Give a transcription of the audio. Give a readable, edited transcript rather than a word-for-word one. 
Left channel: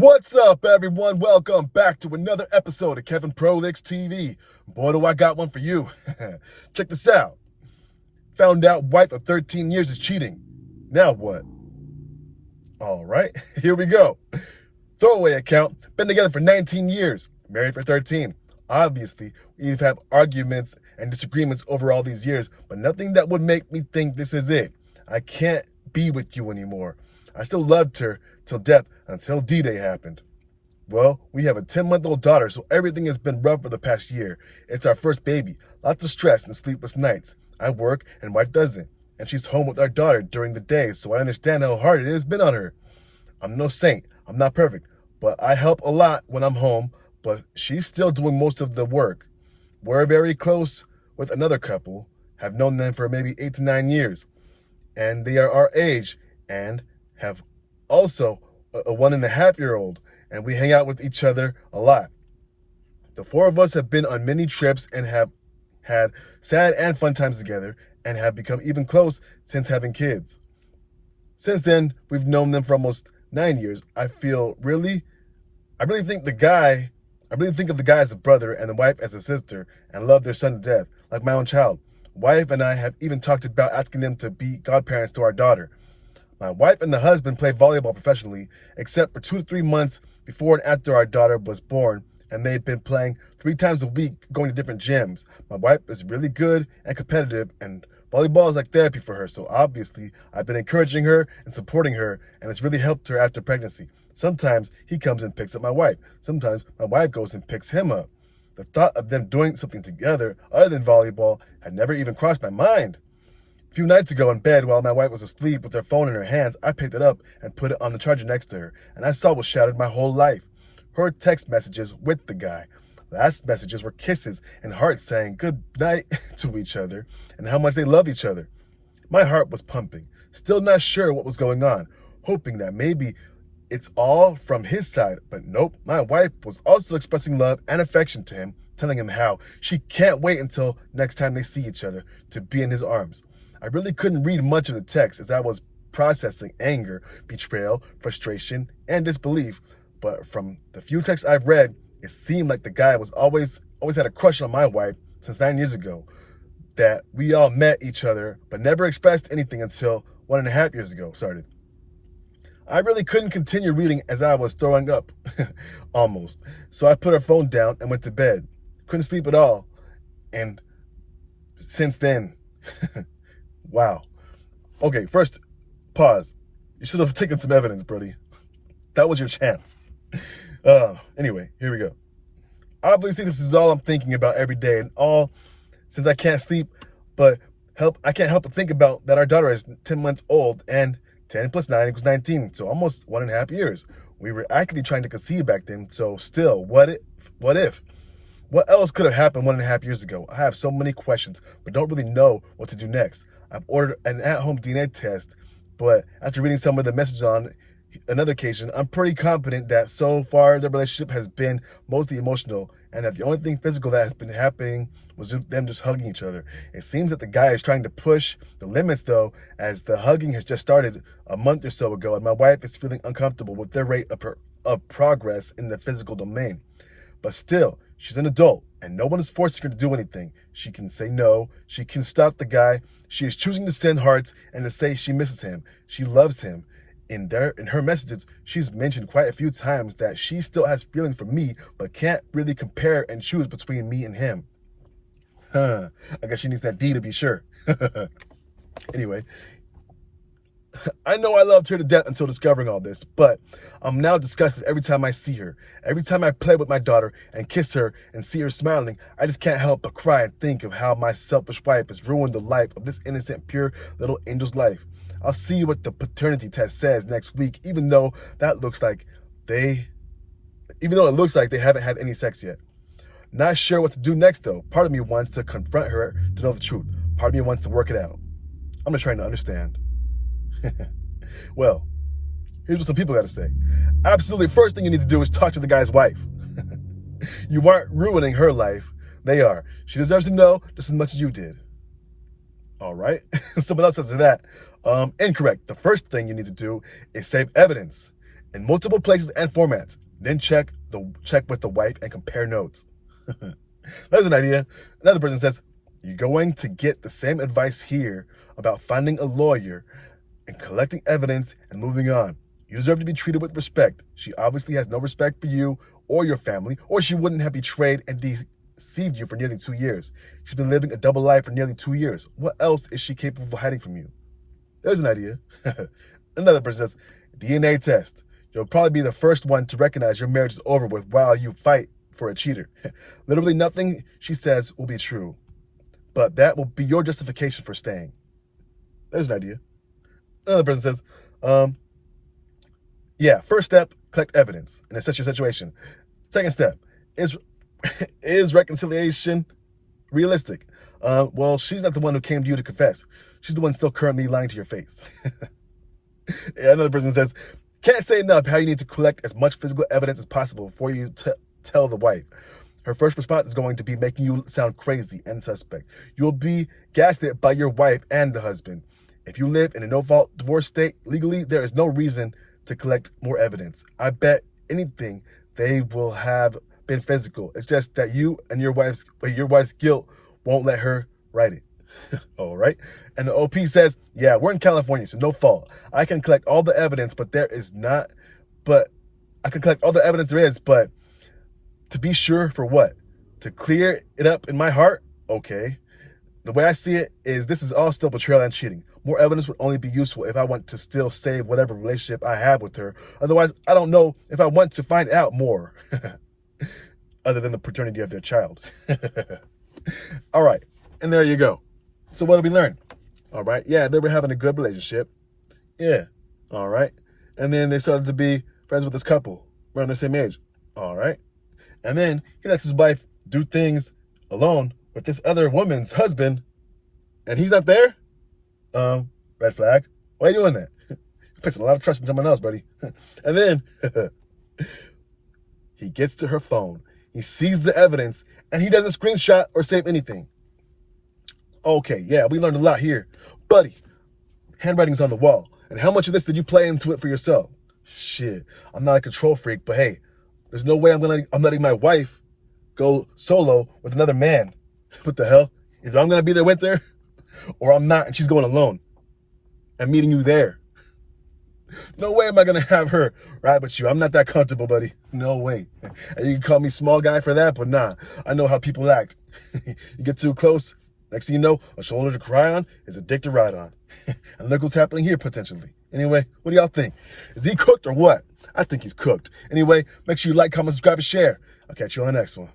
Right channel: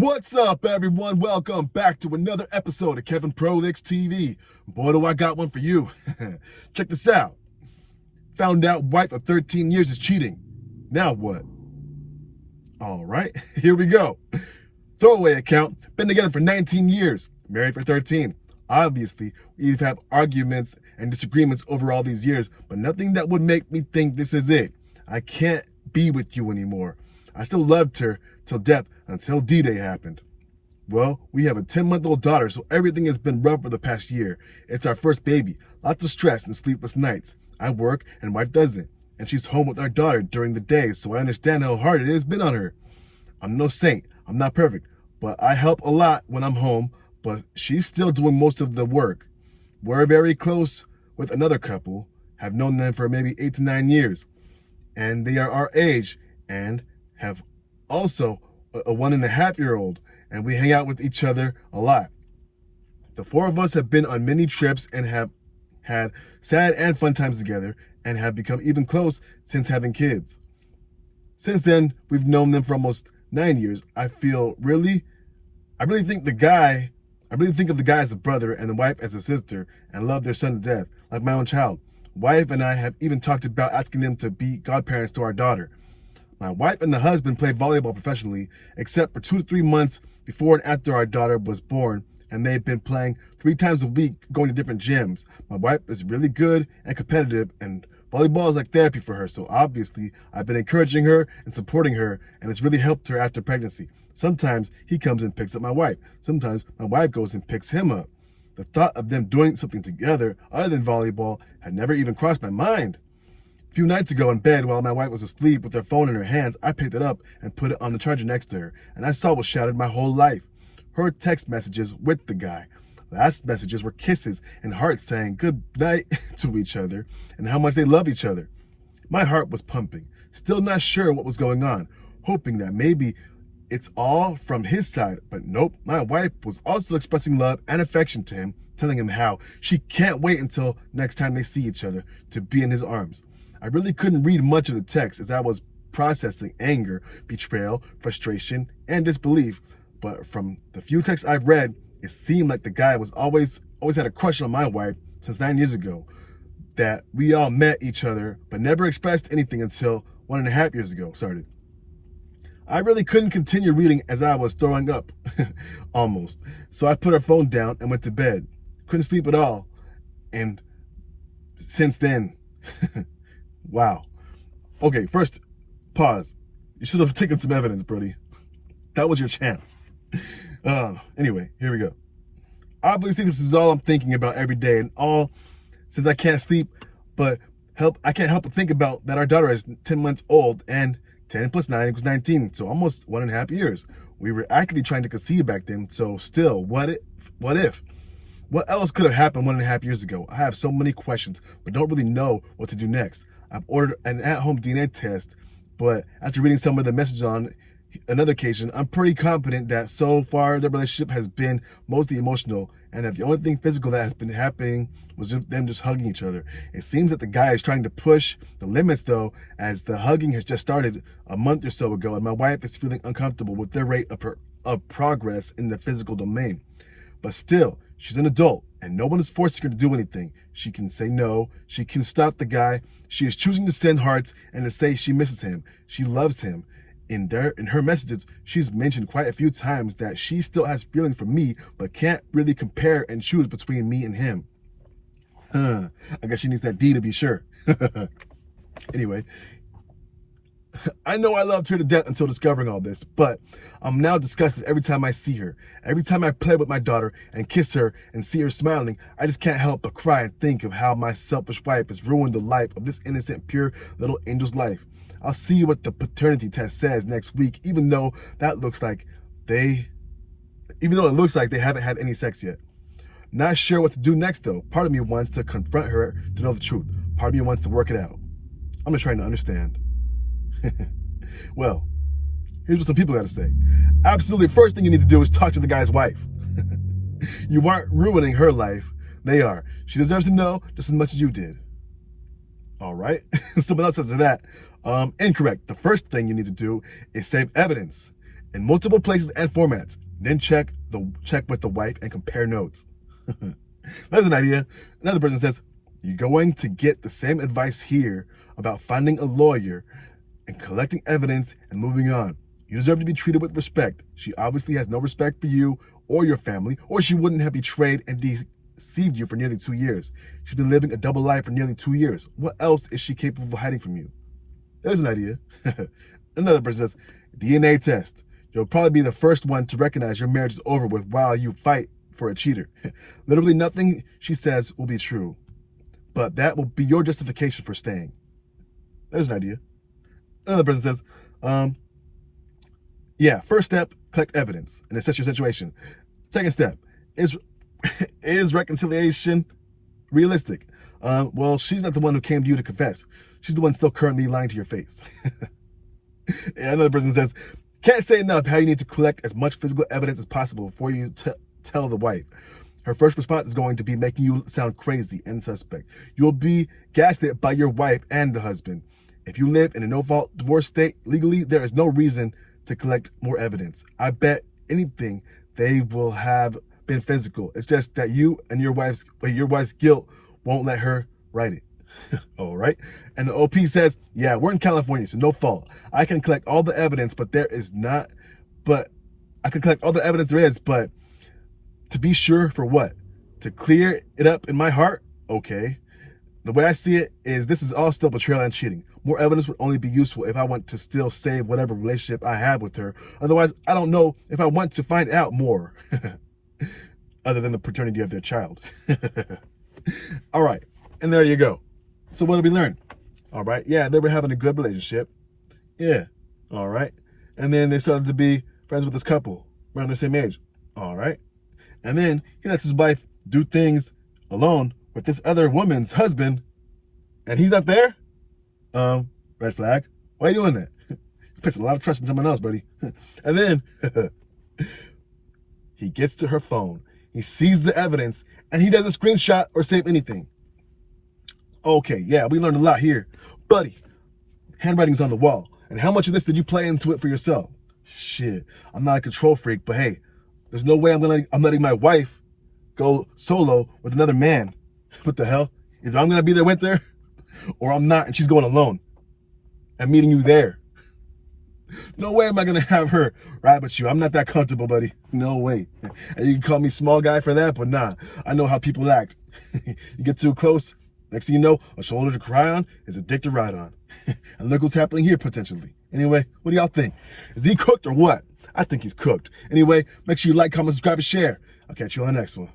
What's up, everyone? Welcome back to another episode of Kevin Prolix TV. Boy, do I got one for you. Check this out. Found out wife of 13 years is cheating. Now what? All right, here we go. Throwaway account. Been together for 19 years. Married for 13. Obviously, we've had arguments and disagreements over all these years, but nothing that would make me think this is it. I can't be with you anymore. I still loved her till death until D-Day happened. Well, we have a 10-month-old daughter, so everything has been rough for the past year. It's our first baby, lots of stress and sleepless nights. I work and wife doesn't, and she's home with our daughter during the day, so I understand how hard it has been on her. I'm no saint, I'm not perfect, but I help a lot when I'm home, but she's still doing most of the work. We're very close with another couple, have known them for maybe 8 to 9 years, and they are our age and have also a 1.5-year-old, and we hang out with each other a lot. The four of us have been on many trips and have had sad and fun times together and have become even close since having kids. Since then, we've known them for almost 9 years. I really think of the guy as a brother and the wife as a sister and love their son to death, like my own child. Wife and I have even talked about asking them to be godparents to our daughter. My wife and the husband play volleyball professionally, except for 2 to 3 months before and after our daughter was born, and they've been playing 3 times a week, going to different gyms. My wife is really good and competitive, and volleyball is like therapy for her, so obviously I've been encouraging her and supporting her, and it's really helped her after pregnancy. Sometimes he comes and picks up my wife. Sometimes my wife goes and picks him up. The thought of them doing something together other than volleyball had never even crossed my mind. A few nights ago in bed, while my wife was asleep with her phone in her hands, I picked it up and put it on the charger next to her, and I saw what shattered my whole life. Her text messages with the guy. Last messages were kisses and hearts saying good night to each other and how much they love each other. My heart was pumping, still not sure what was going on, hoping that maybe it's all from his side, but nope, my wife was also expressing love and affection to him, telling him how she can't wait until next time they see each other to be in his arms. I really couldn't read much of the text as I was processing anger, betrayal, frustration, and disbelief, but from the few texts I've read, it seemed like the guy was always had a crush on my wife since 9 years ago, that we all met each other but never expressed anything until 1.5 years ago started. I really couldn't continue reading as I was throwing up, almost, so I put her phone down and went to bed. Couldn't sleep at all, and since then, wow. Okay, first, pause. You should have taken some evidence, Brody. That was your chance. Anyway, here we go. Obviously, this is all I'm thinking about every day, and all since I can't sleep, but I can't help but think about that our daughter is 10 months old, and 10 plus 9 equals 19, so almost 1.5 years. We were actively trying to conceive back then, so still, what if? What else could have happened 1.5 years ago? I have so many questions, but don't really know what to do next. I've ordered an at-home DNA test, but after reading some of the messages on another occasion, I'm pretty confident that so far the relationship has been mostly emotional, and that the only thing physical that has been happening was them just hugging each other. It seems that the guy is trying to push the limits, though, as the hugging has just started a month or so ago, and my wife is feeling uncomfortable with their rate of progress in the physical domain. But still, she's an adult, and no one is forcing her to do anything. She can say no, she can stop the guy. She is choosing to send hearts and to say she misses him. She loves him. In her messages, she's mentioned quite a few times that she still has feelings for me, but can't really compare and choose between me and him. I guess she needs that D to be sure. Anyway, I know I loved her to death until discovering all this, but I'm now disgusted every time I see her. Every time I play with my daughter and kiss her and see her smiling, I just can't help but cry and think of how my selfish wife has ruined the life of this innocent, pure little angel's life. I'll see what the paternity test says next week, even though it looks like they haven't had any sex yet. Not sure what to do next, though. Part of me wants to confront her to know the truth. Part of me wants to work it out. I'm just trying to understand. Well, here's what some people got to say. Absolutely, first thing you need to do is talk to the guy's wife. You aren't ruining her life. They are. She deserves to know just as much as you did. All right. Someone else says to that. Incorrect. The first thing you need to do is save evidence. in multiple places and formats. Then check with the wife and compare notes. There's an idea. Another person says, you're going to get the same advice here about finding a lawyer and collecting evidence and moving on. You deserve to be treated with respect. She obviously has no respect for you or your family, or she wouldn't have betrayed and deceived you for nearly 2 years. She's been living a double life for nearly 2 years. What else is she capable of hiding from you? There's an idea. Another person says, DNA test. You'll probably be the first one to recognize your marriage is over with while you fight for a cheater. Literally nothing she says will be true, but that will be your justification for staying. There's an idea. Another person says, yeah, first step, collect evidence and assess your situation. Second step, is reconciliation realistic? Well, she's not the one who came to you to confess. She's the one still currently lying to your face. Yeah, another person says, can't say enough how you need to collect as much physical evidence as possible before you tell the wife. Her first response is going to be making you sound crazy and suspect. You'll be gaslit by your wife and the husband. If you live in a no-fault divorce state legally, there is no reason to collect more evidence. I bet anything they will have been physical. It's just that you and your wife's guilt won't let her write it. All right. And the OP says, yeah, we're in California, so no fault. I can collect all the evidence, but I can collect all the evidence there is, but to be sure for what? To clear it up in my heart? Okay. The way I see it is this is all still betrayal and cheating. More evidence would only be useful if I want to still save whatever relationship I have with her. Otherwise, I don't know if I want to find out more. Other than the paternity of their child. All right. And there you go. So what did we learn? All right. Yeah, they were having a good relationship. Yeah. All right. And then they started to be friends with this couple around the same age. All right. And then he lets his wife do things alone with this other woman's husband, and he's not there? Red flag. Why are you doing that? You're placing a lot of trust in someone else, buddy. And then he gets to her phone. He sees the evidence, and he doesn't screenshot or save anything. Okay, yeah, we learned a lot here. Buddy, handwriting's on the wall. And how much of this did you play into it for yourself? Shit, I'm not a control freak, but hey, there's no way I'm letting my wife go solo with another man. What the hell? Either I'm going to be there with her, or I'm not, and she's going alone. I'm meeting you there. No way am I going to have her ride with you. I'm not that comfortable, buddy. No way. And you can call me small guy for that, but nah, I know how people act. You get too close, next thing you know, a shoulder to cry on is a dick to ride on. And look what's happening here, potentially. Anyway, what do y'all think? Is he cooked or what? I think he's cooked. Anyway, make sure you like, comment, subscribe, and share. I'll catch you on the next one.